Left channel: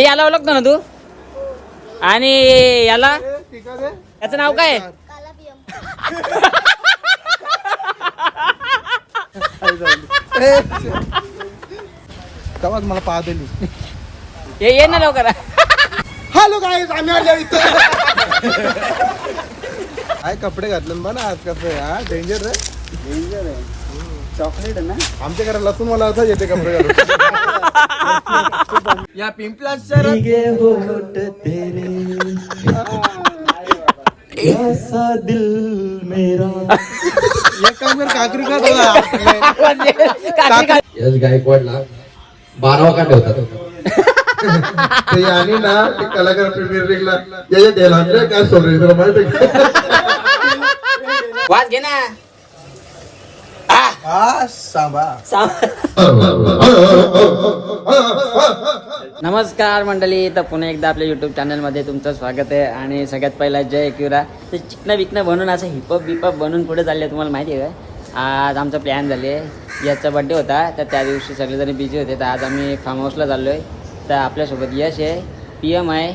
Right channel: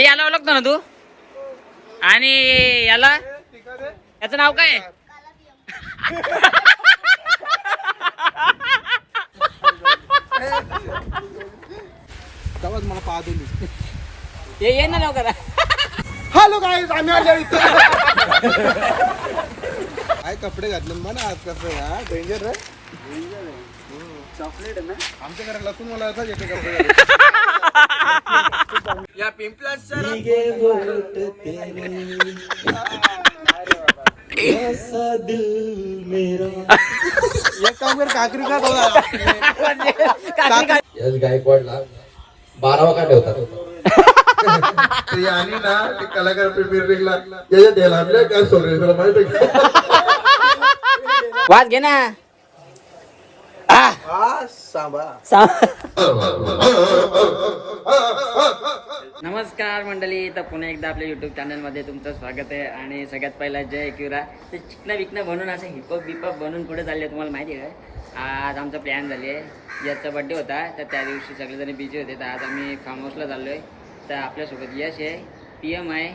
हे याला ओळखतो ना तू? आणि याला? याचं नाव काय? आहे? तेव्हाच मला पाहत ये ये ना लवकर. हॅलो काय आम्ही आलो इथं. काय कपडे घातले ना ना आज कसं हा? डेंजर रे चॉकलेट आहे ना? आमच्या घरात लसूण मला असं येते कपडे घालून या पिंपला एक काम कर काकरी का बोला यश गायकवाडला बारावा का ठेवतात ते आणि ना ते कलाकार द्यायला आपल्या काय सोड रे तुला माहिती? वाज घे ना. नमस्कार मंडळी तर पुन्हा एकदा आपल्या युट्यूब चॅनलमध्ये तुमचं स्वागत आहे आणि सगळ्यात पहिला जय किरा ते चिकणं विकणं बनून असं हिपअप बिपअप बनून पुढे चालले तुम्हाला माहिती आहे का? आज आमचा प्लॅन झाले याचा बड्डे होता तर त्या दिवशी सगळेजण बिझी होते तर आज आम्ही फार्म हाऊसला चाललो आहे तर आपल्यासोबत यश आहे पी एम आहे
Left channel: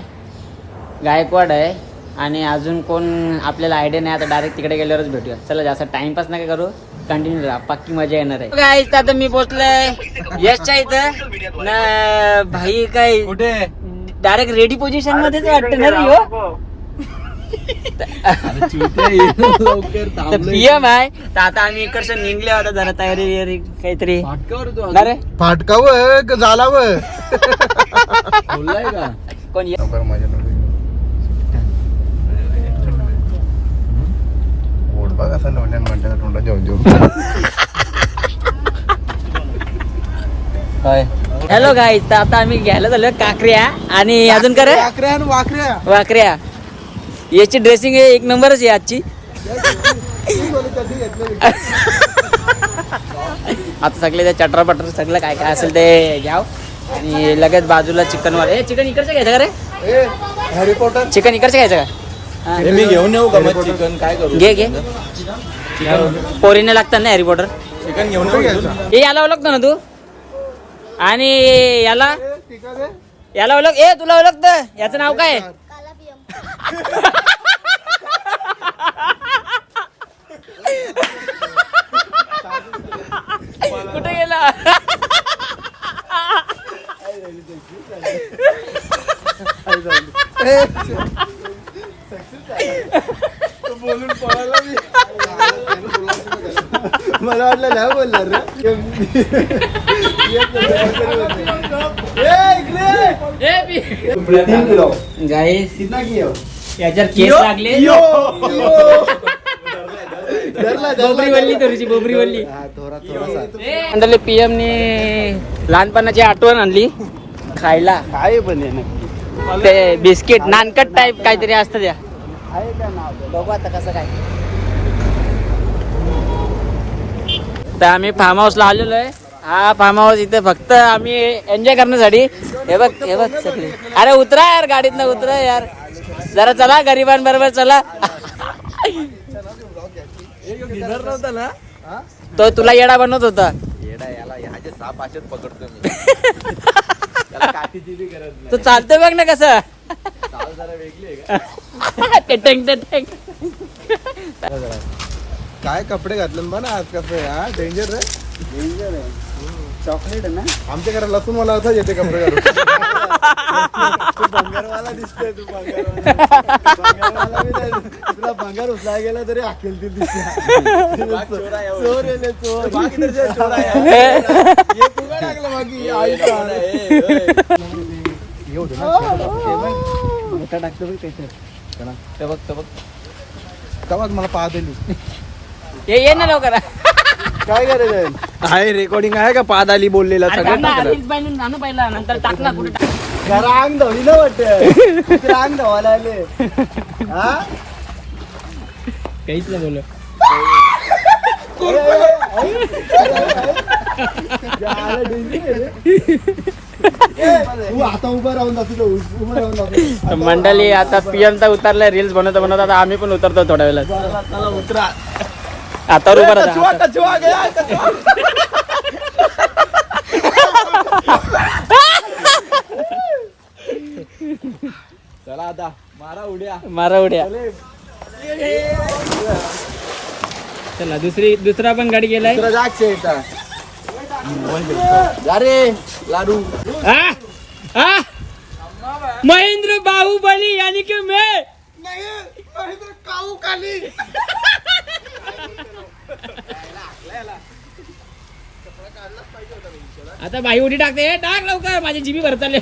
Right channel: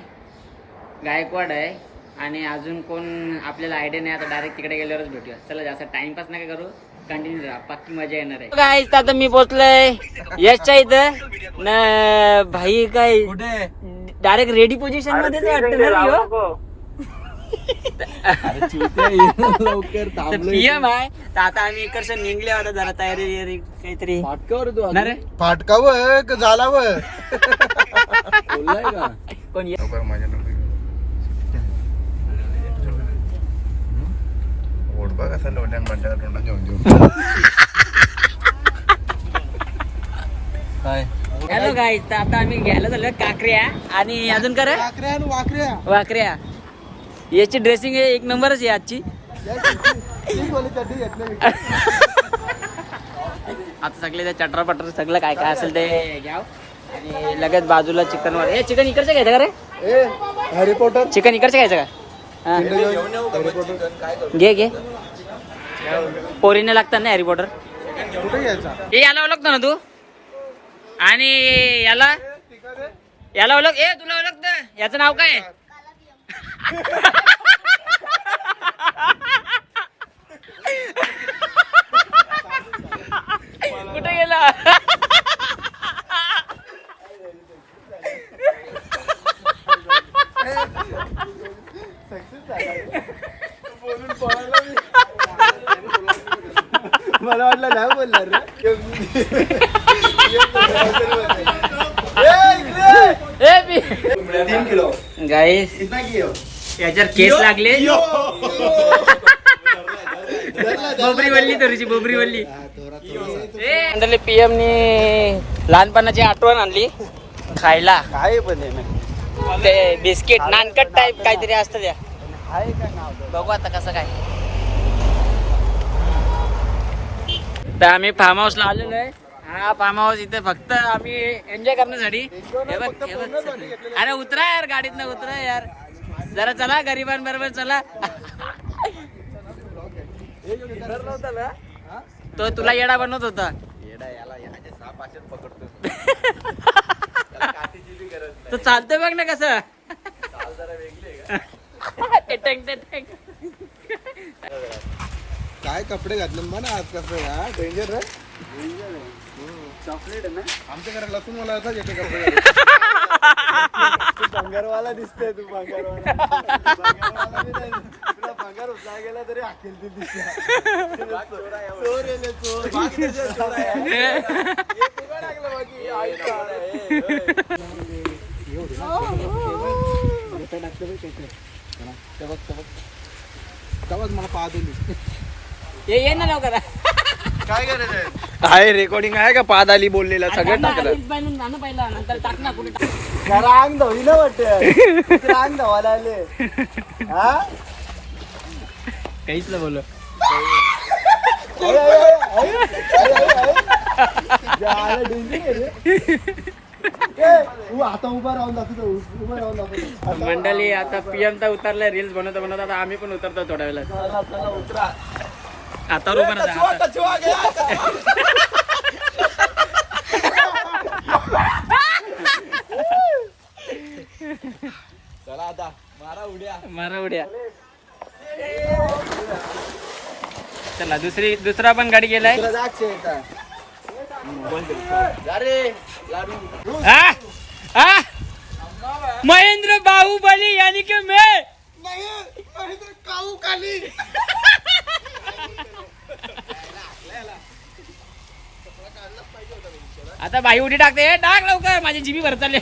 गायकवाड आहे आणि अजून कोण आपल्याला आयडिया नाही आता डायरेक्ट तिकडे गेल्यावरच भेटूया. चला जास्त टाइमपास नका करू. कंटिन्यू राहा पक्की मजा येणार आहे. काय आता मी पोचलोय यशच्या इथं. ना भाई काय कुठे? डायरेक्ट रेडी पोझिशन मध्येच वाटतं ना थांबलोय. पीएम आहे तर आता आम्ही इकडचं निघले होता जरा तयारी बियारी काहीतरी. फाटकावर तू ना रे? फाटकाव झाला व बोललाय म्हणतात जेवण जेवण काय हॅलो गाईज तर आता आम्ही घ्यायला झालो काकऱ्या. आणि अजून कर वाकऱ्या आणि वाकऱ्या. वाकऱ्या. याची ड्रेसिंग एक नंबरच आहे आजची. आता सगळे ते चटर पटर सगळं काय काय असेल ते घ्याव. आणि लगेच बाजूला चिकन वाला ए चिकन इकडचं घ्यायचं का रे? हॅरी पॉटर चिकन इकडचं घ्यायचं का? हा. मी घेऊन येऊ का मग चिकन काय करू? घे घे. पोरीने लागतात ना हॅरी पॉटर चिकन घेऊन घ्यायचा? हे याला ओळखतो ना तू. आणि याला? याला ओळख ए तुला ओळखत याचं नाव काय? आहे? कुठे गेला? मला वाटलं नाही बोलणार रे. ए बी तीन किलो. गाईस कितना किलो? याच्यावर केस लागले? धरला बोबरी वल्ली थोडीशी बोबरी वल्ली. थोडा थोडासा. मंडळी पीएम ने लहानपणाची आठवण आणली खायला. ते बिस्किट नानकट टाईप काहीतरी असतं त्या. बघू आता कसं काय. तर आम्ही फार्म हाऊसला आलेलो आहे. हा फार्म हाऊस इथे फक्त आम्ही एन्जॉय करण्यासाठी. हे बघ हे बघ सगळी. अरे उतरा यार गाडीतनं उतरा यार. जरा चला गरिबांबरोबर चला. तो तुला येडा बनवत होता. येडा याला ह्याचे साप असेच पकडतो मी. तू चालतोय बघ ना कसं. टेटंग टेटंग काय कपडे घातले ना ना आज कसं हा? डेंजर रे चॉकलेट आहे. ना? आमच्या घरात लसूण मला असं येते कपडे घालून. तू भंगारवाला दिसतोय तू भंगारवाला. भंगारवाला बी नाही. तुला भंगार उचला गेला तरी अखेल ते दिसला चोर येले चोर. आहे. हे बाकी टाकतो बघ. ते बघ. ते बघ तेव्हाच मला पाहत ये ये ना लवकर. काय आहे? रेकॉर्डिंग आहे का? पाद आली बोललेला सगळं टाकलं पहिला नंतर टाक ना कुठे टाक. रांग धवली ना वाटत रांग धवायला आले हा? काहीच ना बोल मंडळी आता पीएम तर उतरलाय रील्स बनवता बनवता आता आम्ही पण उतरतो थोड्या उतरा. आता उभा राहा. कचवा गया चला आता मारा उड्या. मारा उड्या. चला दुसरी दुसरा पण गाडी गेलाय. दुसरा जागचे येतात अरे लाडू. आ? आ? महेंद्र बाहुबली यानी कि मैं? काऊ खाली आता बाई उडी टाकते. हे टाक लवकर. माझी जिबी भर चालले.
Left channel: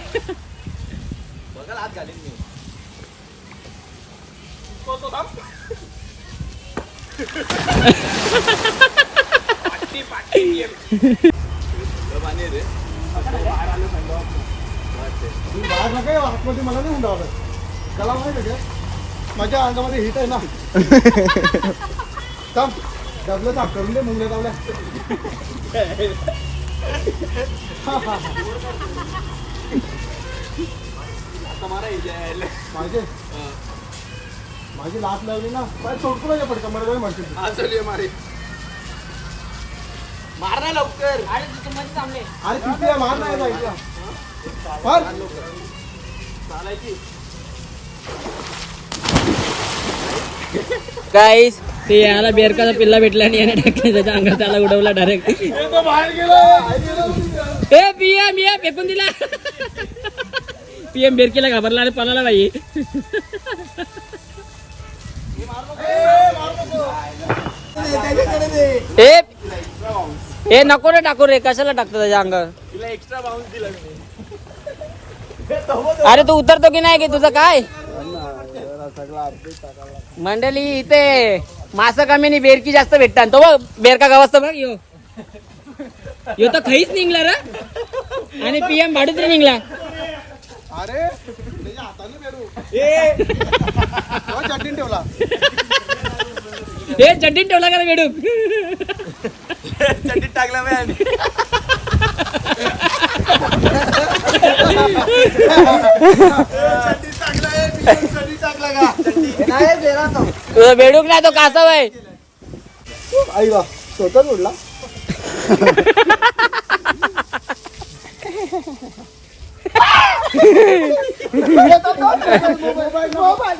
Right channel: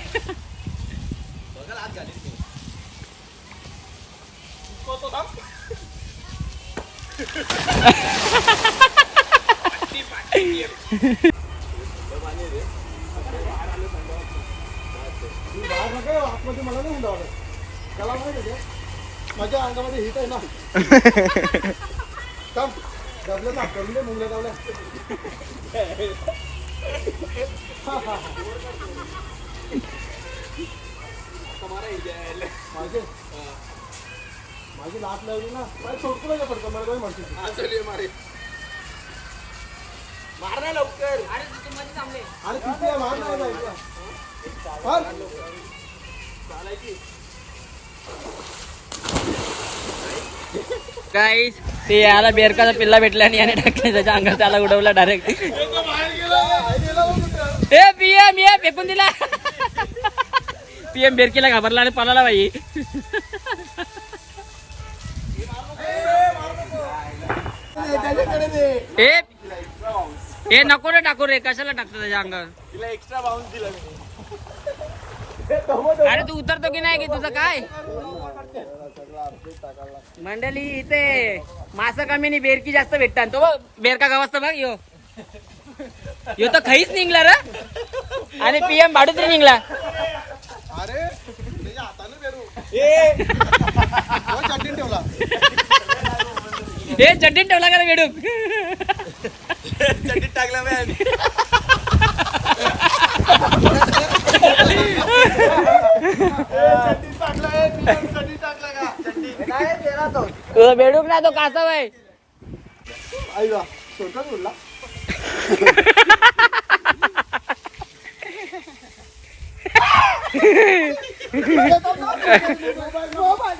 बघा हात घालीन मी. बाहेर नका येऊ, आतमध्ये मला नाही हुंडावलं त्याला माहिती का माझ्या अंगामध्ये हिट आहे ना थांब. डबलं साफ करून दे मुंगल्या माझे माझी लाट लावली ना काय सोडतो नाही पडका मला काय म्हणते मारे मार ना लवकर अरे किती आहे मार नाही जायचं मार गाईस ते याला बेरकाचा पिल्ला भेटला आणि याने टाकले त्याच्या अंगात त्याला उडवला डायरेक्ट ए पीएम ये फेकून दिला. पीएम बेरकीला घाबरला आणि पळाला बाई. ए ए नको रे टाकू रे. कशाला टाकतो त्याच्या अंगावर? तुला एक्स्ट्रा बाउन्स दिला मी. अरे तू उतरतो की नाही की तुझं काय? मंडळी इथे मास कमी आणि बेरकी जास्त भेटतात. तो बेरका गावाचा बघ यो. यो तर खैच निघला रे. आणि पीएम भाडूच निघला. अरे. तो चटणी ठेवला. हे चड्डीत ठेवला का बेडूक? चटणी टाकला मी चटणी टाकला चटणी टाकला का नाही दिला तो तुझा बेडूक नाही तो कासव आहे आई गा स्वतःच उडला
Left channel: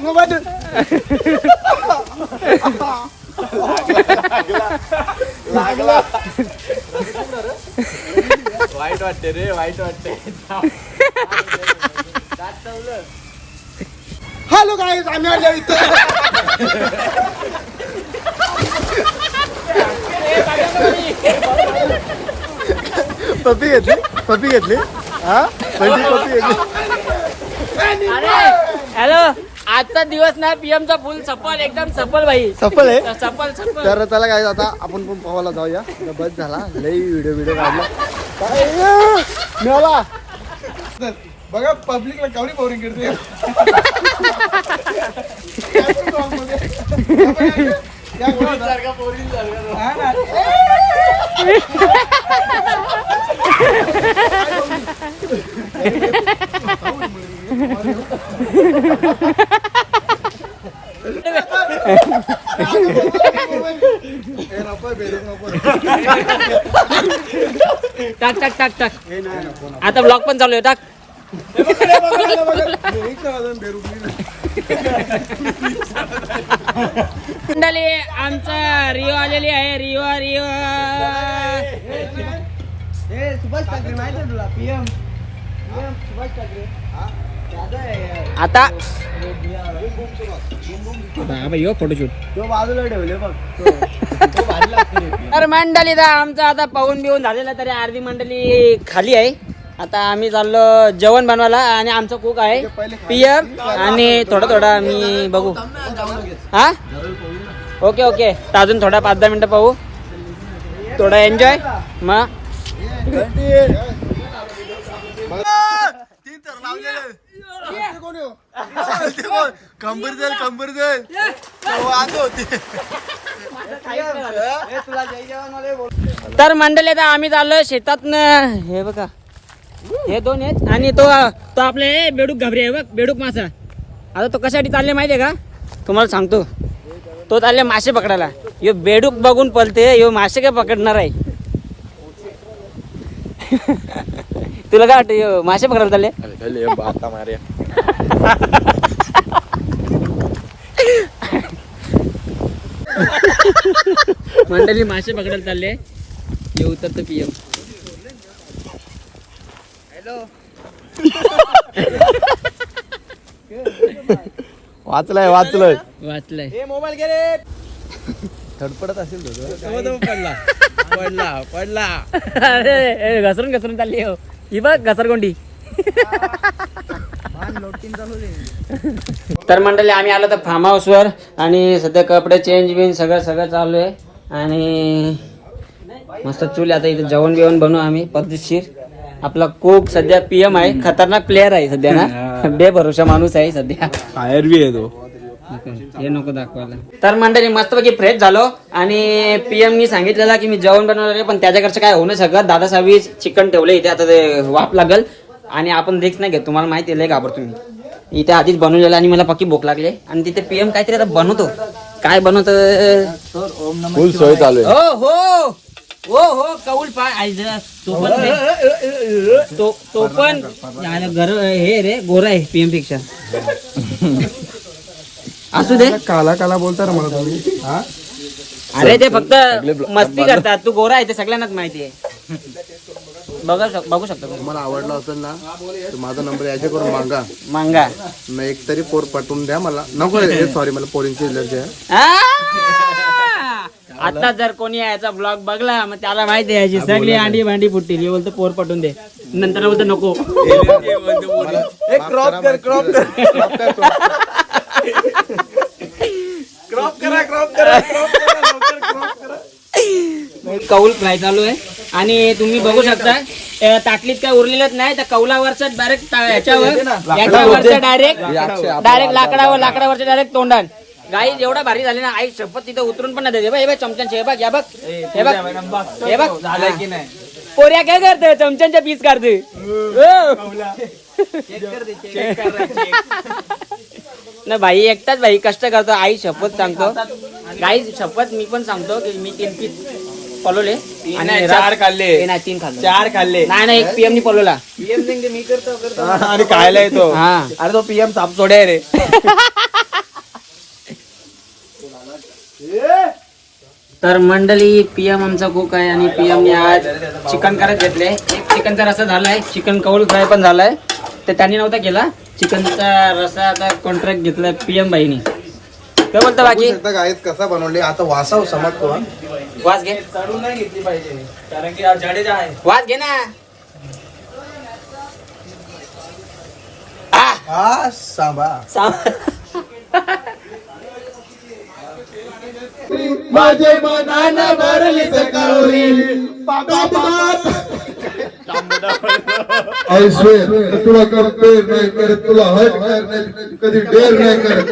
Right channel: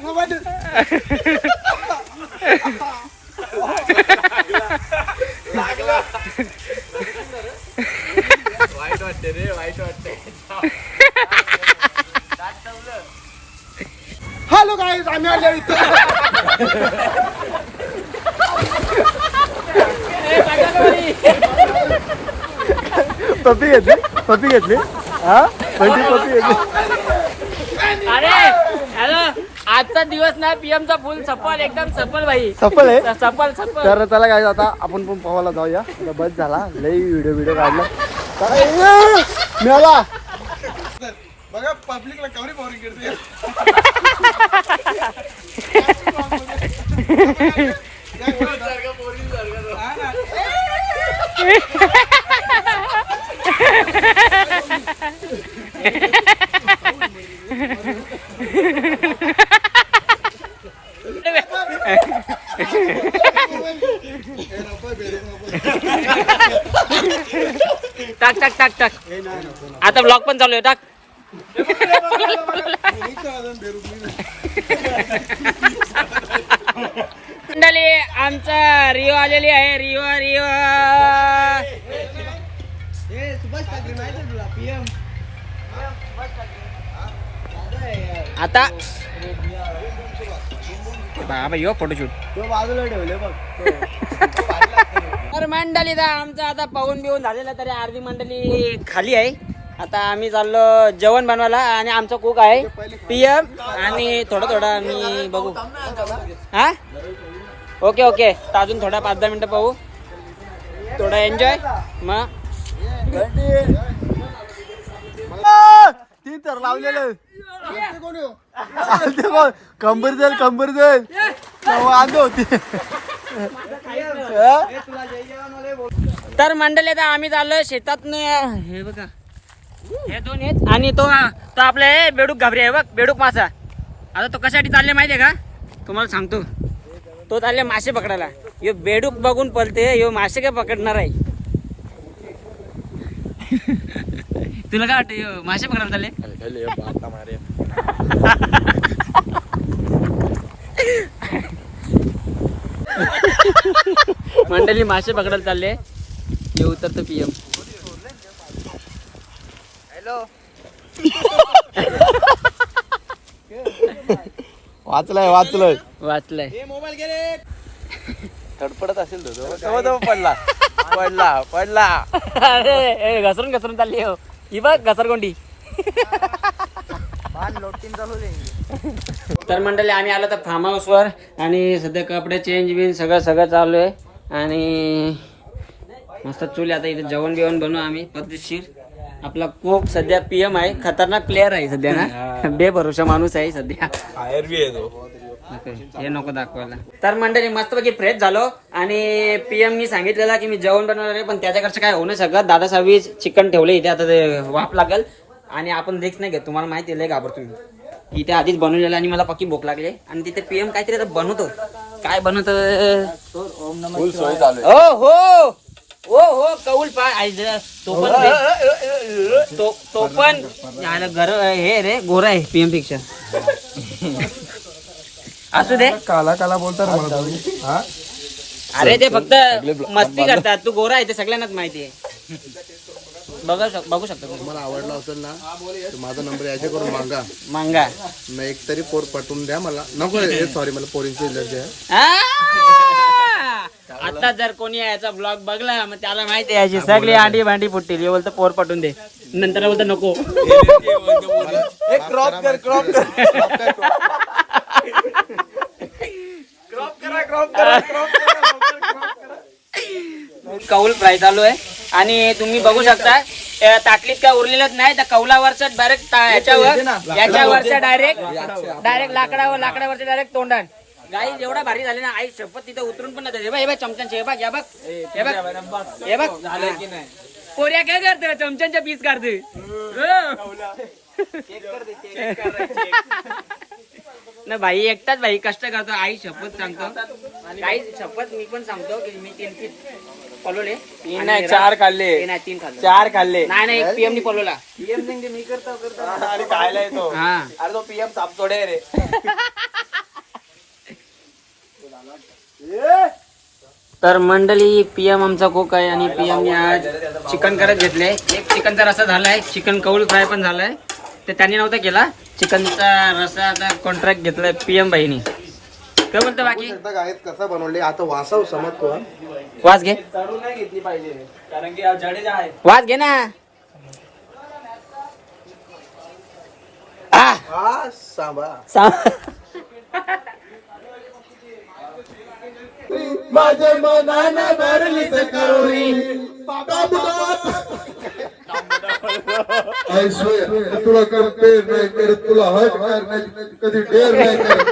वाईट वाटते रे वाईट वाटते. हॅलो काय आम्ही आलो इथं. पप्पी घेतली? पप्पी घेतली? हा? पप्पी पप्पी घेतली? अरे हॅलो आजचा दिवस ना पीएम चा फुल सफल एकदम सफल भाई. सफल आहे? सफल सफल. तर त्याला काय आता आपण पण पोहायला जाऊया. बस झाला. लई व्हिडिओ व्हिडिओ काढला. मिळाला बघा पब्लिकला कावरी बोरिंग करते टाक टाक टाक टाक. आता ब्लॉग पण चालू आहे टाक. मंडळी आमचा रिओ आलेली आहे रिओ रिओ. सुभाष ठाकरे माहिती तुला? पीएम. सुभाष ठाकरे. आता हा भाई फोटोशूट तो बाजूला ठेवले बघ तर मंडळी दा आमचं आता पाहून बिहून झालेलं तरी अर्धी मंडळी खाली आहे. आता आम्ही चाललो जेवण बनवायला आणि आमचा कुक आहे पीएम आणि थोडं थोडं आम्ही बघू. हा? ओके ओके अजून थोडा पाच दहा मिनिटं पाहू. थोडा एन्जॉय मग. तीन तर लावलेले ते कोण? कंबर जाईल कंबर जाईल वांदे होते. तर मंडळी आता आम्ही चाललो शेतातनं. हे बघा. हे दोन आहेत. आणि तो तो आपला आहे बेडूक घाबरे आहे बघ बेडूक मासा. आता तो कशासाठी चालले माहितीये का? तुम्हाला सांगतो. तो चालले मासे पकडायला. यो बेडूक बघून पलते यो मासे काय पकडणार आहे? तुला काय वाटतं मासे पकडायला चालले? मंडळी मासे पकडायला चालले. हे उतरतो पीएम वाचलाय वाचलंय. वाचलंय. मोबाईल गेले फडफडत असेल तो तो. पडला. पडला पडला. अरे घसरून घसरून चालली हो ही बघ घसरगोंडी. तर मंडळी आम्ही आलो तर फार्म हाऊसवर आणि सध्या कपडे चेंज बिन सगळं सगळं चालू आहे. आणि मस्त चूल आहे. आता इथे जेवण बिवण बनवू आम्ही पद्धतशीर. आपला खूप सध्या पीएम आहे खतरनाक प्लेअर आहे सध्या ना. बेभरोशा माणूस आहे सध्या. फायर बी आहे तो. हे नको दाखवायला. तर मंडळी मस्तपैकी फ्रेश झालो आणि पीएम नी सांगितलेलं की मी जेवण बनवणार आहे पण त्याच्याकडचं काय होऊ नाही शकत. दादा साहेब चिकन ठेवले इथे आता ते वाफ लागल. आणि आपण रिक्स नाही घेत तुम्हाला माहिती आहे लय घाबरतो मी. इथे आधीच बनवलेलं आणि मला पक्की भूक लागली. आणि तिथे पीएम काहीतरी आता बनवतो. काय बनवतो? हो हो. हो हो कौल पाय तो पण. तो पण. घर हे रे गोरा आहे पीएमपेक्षा. असू दे. काला काला बोलता मला तुम्ही. अरे ते फक्त मस्ती करतात. तू गोरा आहे ते सगळ्यांनाच माहिती आहे. बघा शक- बघू शकतो तुम्ही. तुम्हाला आवडला असेल ना तर माझा नंबर याच्या करून मागा. मांगा. मग एक तरी पोर पटवून द्या मला. नको सॉरी मला पोरींची एलर्जी आहे आ! आता जर कोणी याचा ब्लॉग बघला मग त्याला माहिती आहे याची सगळी अंडी भांडी फुटतील. हे बोलतो पोर पटून दे. नंतर बोलतो नको. क्रॉप कर क्रॉप कर. कौल फ्राय चालू आहे. आणि तुम्ही बघू शकता त्या ताटलीत काय उरलेलंच नाही त्या कौलावरच डायरेक्ट ह्याच्यावर याच्यावरचं डायरेक्ट डायरेक्ट लाकडावर. लाकडावरच्या डायरेक्ट तोंडात. गाई एवढा भारी झाली ना आई शपथ तिथं उतरून पण नाही देते. हे बघ चमच्यांचे हे बघ या बघ. हे बघ. हे बघ. झालं की नाही? पोऱ्या काय करतोय? चमच्यांच्या पीस काढतोय. ना भाई एकटाच भाई कष्ट करतो. आई शपथ सांगतो. गाई शपथ मी पण सांगतो की मी तीन पीस पलवले आणि चार खाल्ले. नाही तीन खाल्ले. चार खाल्ले. नाही नाही एक पीएम नी पलवला आणि खायला येतो. हा. अरे तो पीएम सापचोडे आहे रे. तर मंडळी पीएम आमचा कोक आहे आणि पीएम ने आज चिकन करत घेतले. एक चिकनचा रसा झालाय. चिकन कौल फ्राय पण झालाय. तर त्यांनी नव्हता केला. चिकनचा रसा आता कॉन्ट्रॅक्ट घेतलाय पीएम बाईनी काय बोलतो बाकी? कसा बनवले आता वासाव समजतो हा. वास घे. चढून नाही घेतली पाहिजे. कारण की आज जडेजा आहे. वास घे ना. आ, हा सांबा. सा- माझे मनान मारली सकाळी आय स्वेअर तुला कंपेअर नाही करत तुला हट नाही कधी डेअर नाही करत.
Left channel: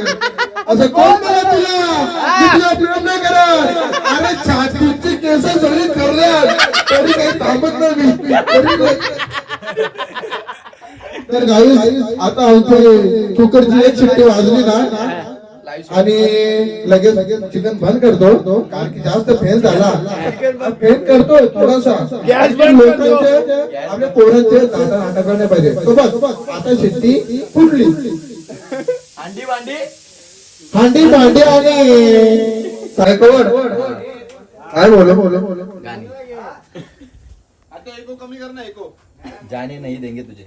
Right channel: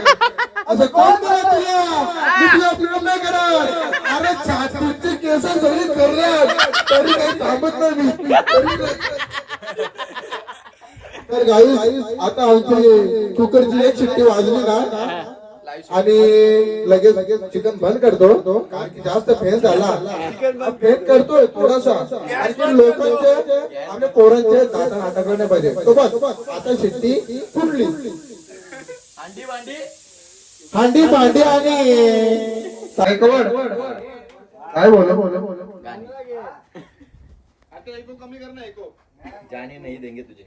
असं कोण करत तुला? मी नाही करत. अरे छातीची केस जरी करल्यात तरी काही थांबत नाही मी. तरी तर गाई आता आमचे कुकरची एक शिट्टी वाजली ना. आणि लगेच लगेच चिकन बंद करतो. कारण की जास्त फेल झाला. फेल करतोय थोडासा. लोकांचे आपल्या पोरांचे दादा नाटक पाहिजे. तो बस आता शिट्टी फुटली. अंडी भांडी. हांडी भांडी आणि सायकलवर काय बोल बोल बोल जाने नाही देंगे तुझे.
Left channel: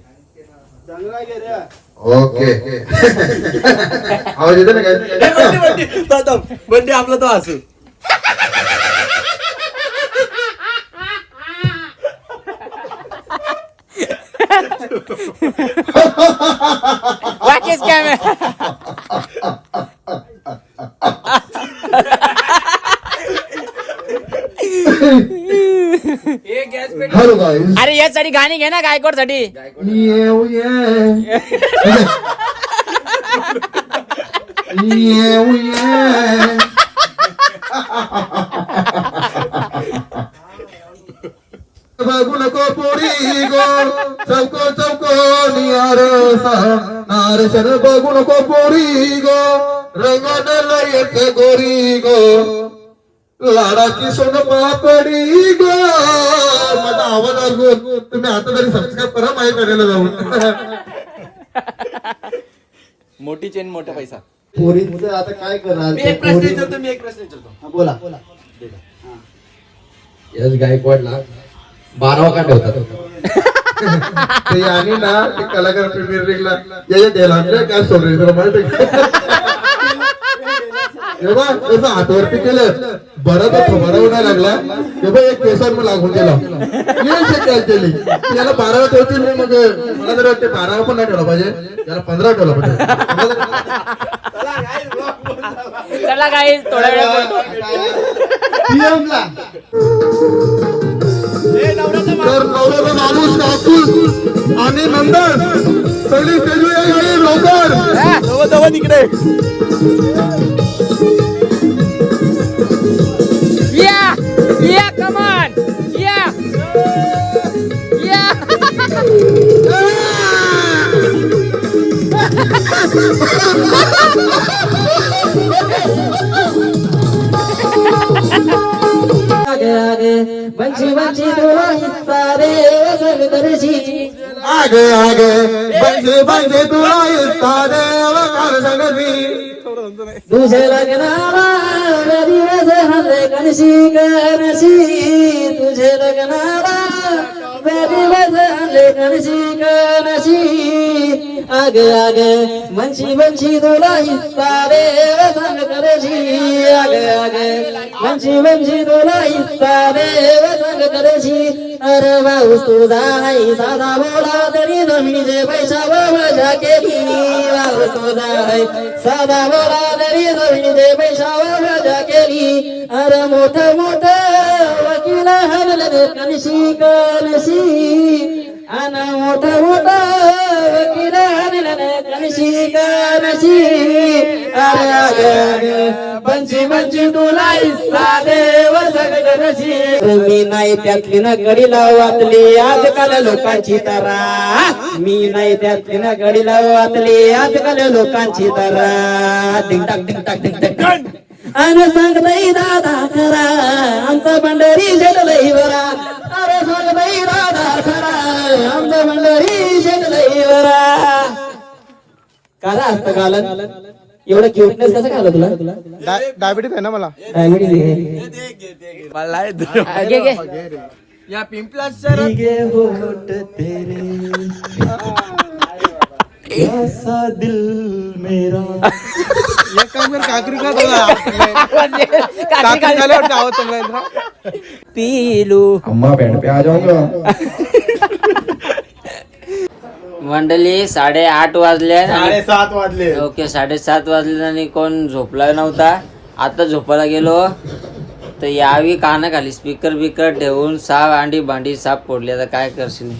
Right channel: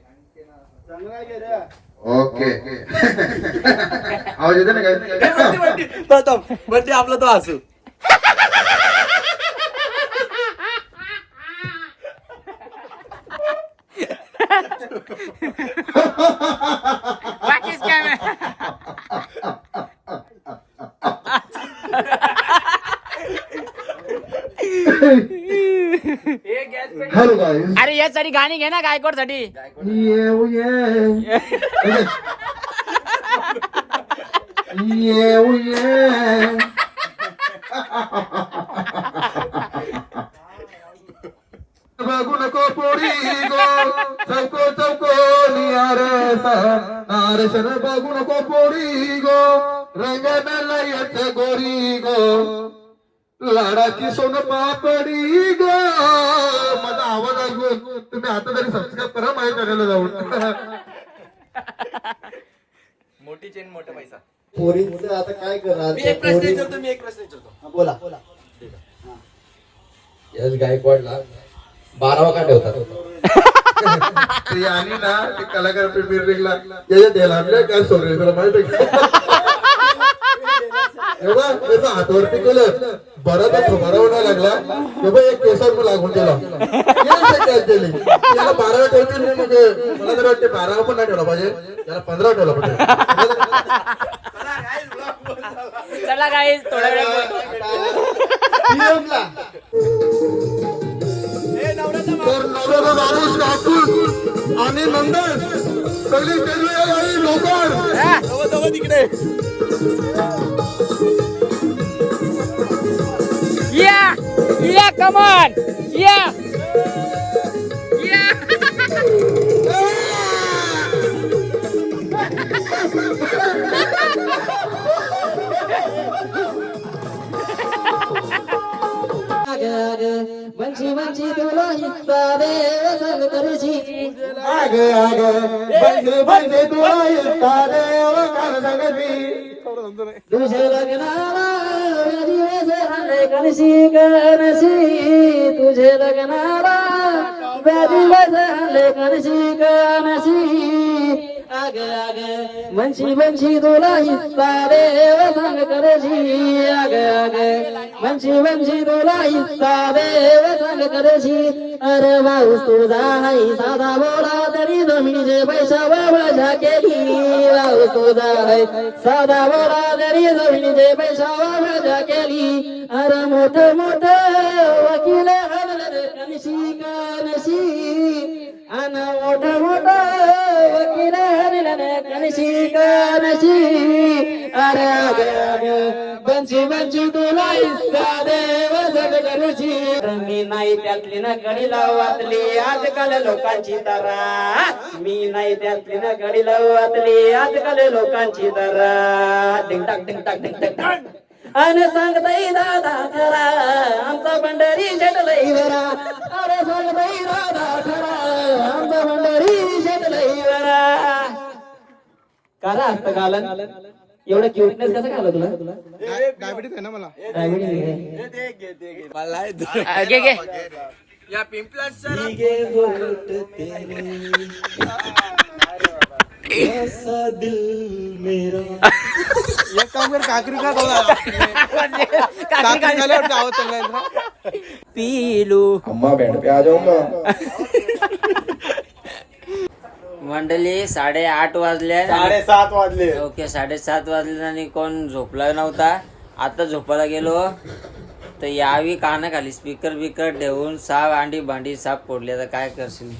ओके. आवाज येतो ना काय? आपला तो असू वाकेश काय हॅलो गाईस अरे यासाठी गाणी घे ना गायकवाडसाठी येऊ ये येऊ ये बघू नको पुरी गो चौको चौको नियारस नारसन बघू नको पुरी गो रंगन लयच गोरी गो लाडाची सोन पापडी ग. माझा आवाज ऐकून तुम्ही आता तरी सबस्क्राईब करा माझ्या करायला जाऊन. मोठी चेन मोठा पैसा. पोरींचं आता काय करणार मी एक प्रश्न विचारतो मी एक प्रश्न विचारतो. हा, बोला. यश गायकवाडला बारावा का ठेवतात ते आणि ना ते कलाकार प्रीमियर लीगला याच्या द्यायला आणलं काय सोडले माहिती हे बघ, त्याचं हातवरती केलं. बरं तर खबर नाही लागला. हे बघ एक केसर मग लागून गेला. शक्य केली याला बारावा ठेवतील मी मग मला तर वाटते बारावा पण नाही ठेवला पाहिजे. याला पंधरा ठेवला पाहिजे. चला काही थोड्या वेळ तर नवऱ्याचा माणूस काकूल आणि नंदन. सगळी लवकर. तिकडे. या कमान या या आगे आगे बंची बंची तुला हिस्सा रे वसंत दर्शी आगे आगे बंदे बंदे तुला इस्ता देव काल सगळी तुझे लग्नाला दिवस हल्ले कणशी कणशी तुझे लग्नाला दिवस कणशी कणशी मनशी मनशी तुला हिस्सा देव सांग करशी आगे आगे मनशी मनशी तुला हिस्सा देव सांग करशी अरे माऊस तुझा नाही साधा बोला तरी जमिनीचे पैसा मजा केली माऊस तुझा नाही साधा बोला तरी जमिनीचे पैसा मजा केली. अरे मोठ मोठ तुला इस्सा देव मी नाही त्यातली ना लावू वाचली आजकाल लोकांची तारा. मी नाही त्यातली ना गडी वाचली आजकाल लोकांची तारा. टिंग टाक टिंग टाक टिंग टाक. अन सांगताई दादा खरा आमचा पंढरी शेटलई बरा अरे सांगताई दादा खरा आमचा पंढरी शेटलई बरा काला असतं कालन एवढं क्युटनेस कसं खालं तुला? डायबिटीस आहे ना मला. घे घे. या पिंपला शहरात एक काम कर काकरी का बोला पीलू अम्मा बैंड पे आ जाऊंगा. मंडळी साडेआठ वाजले साडेसात वाजले. ओके साडेसात वाजले आणि कोण झोपला नव्हता. आता झोपायला गेलो. तर यावी कानाखाली स्पीकर बिकर ठेवून साप अंडी भांडी साप फोडली. आता काय करशील?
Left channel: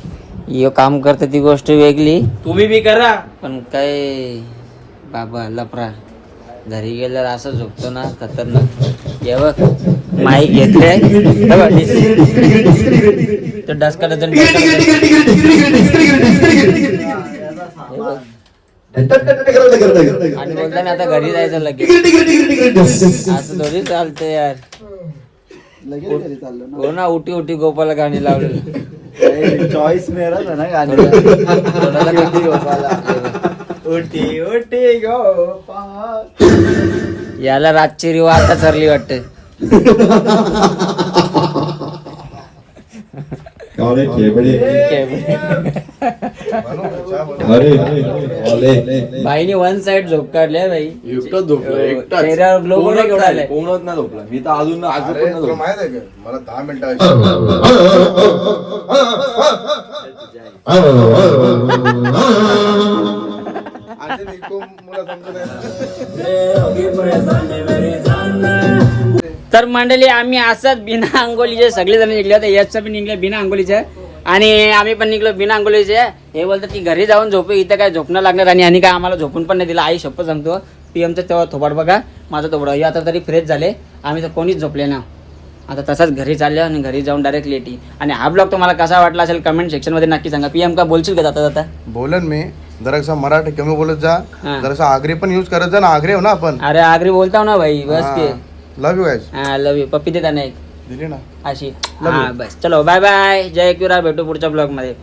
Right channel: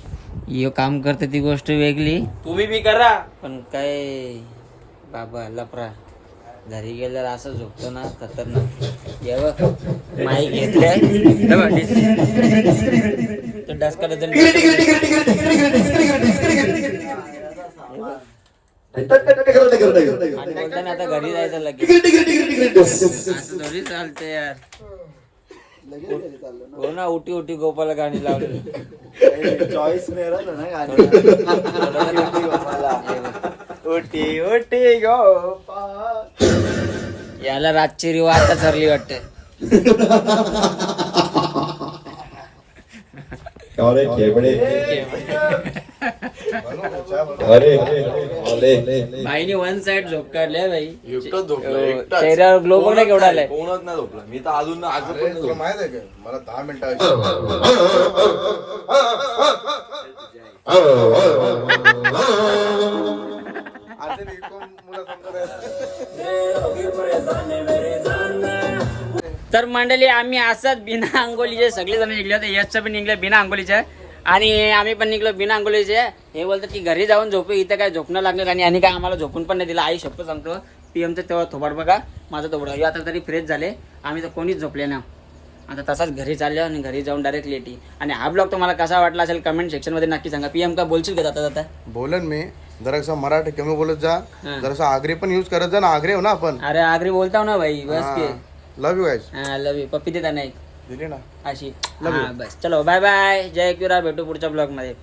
यो काम करते ती गोष्ट वेगळी तुम्ही बी करा पण काय बाबा लफरा घरी गेल्यावर असं झोपतो ना खतरनाक हे बघ माईक घेतले हे तो डसका डझन. आणि बोलताना आता घरी जायचं लगेच असं थोडी चालतंय यार हो ना उठी उठी गोपाला गाणी लावलेलं चॉईस मेरा था ना गोपाल याला रातची रिवा आता सरली वाटते. अरे खेबडे अरे अरे. बाईने वन साइड झोप काढल्या बाई एकटाच झोपला. चेहऱ्यावर ग्लो नाही केवढा आलाय. कोणच नाही झोपला. मी तर अजून आज. माहीत आहे का? मला दहा मिनिटं तर मंडळी आम्ही असंच बिना अंगोलीचे सगळे जण निघले होते. याचं पण निघले बिना अंगोलीचे आणि आम्ही पण निघलो बिना अंगोलीचे हे बोलतात की घरी जाऊन झोपू इथं काय झोपणं लागणार आणि आणि काय आम्हाला झोपून पण नाही दिलं. आई शप्प सांगतो पीएमचं तेव्हा थोबाड बघा माझं थोबडं आता तरी फ्रेश झाले. आम्ही तर कोणीच झोपले ना आता तसंच घरी चाललो आणि घरी जाऊन डायरेक्ट लेटी आणि हा ब्लॉग तुम्हाला कसा वाटला असेल कमेंट सेक्शनमध्ये नक्की सांगा. पीएम का बोलशील का जाता जाता? बोलन मी. जरासा मराठी कमी बोलत जा. जरासा आगरी पण यूज करत जा ना. आगरी हो ना आपण. अरे आगरी बोलता ना भाई. बस. के. लव यू गाईज हा लव यू पप्पी देता नाही दिली ना? अशी. हा बस. चलो बाय बाय जय किरा भेटू पुढच्या ब्लॉगमध्ये.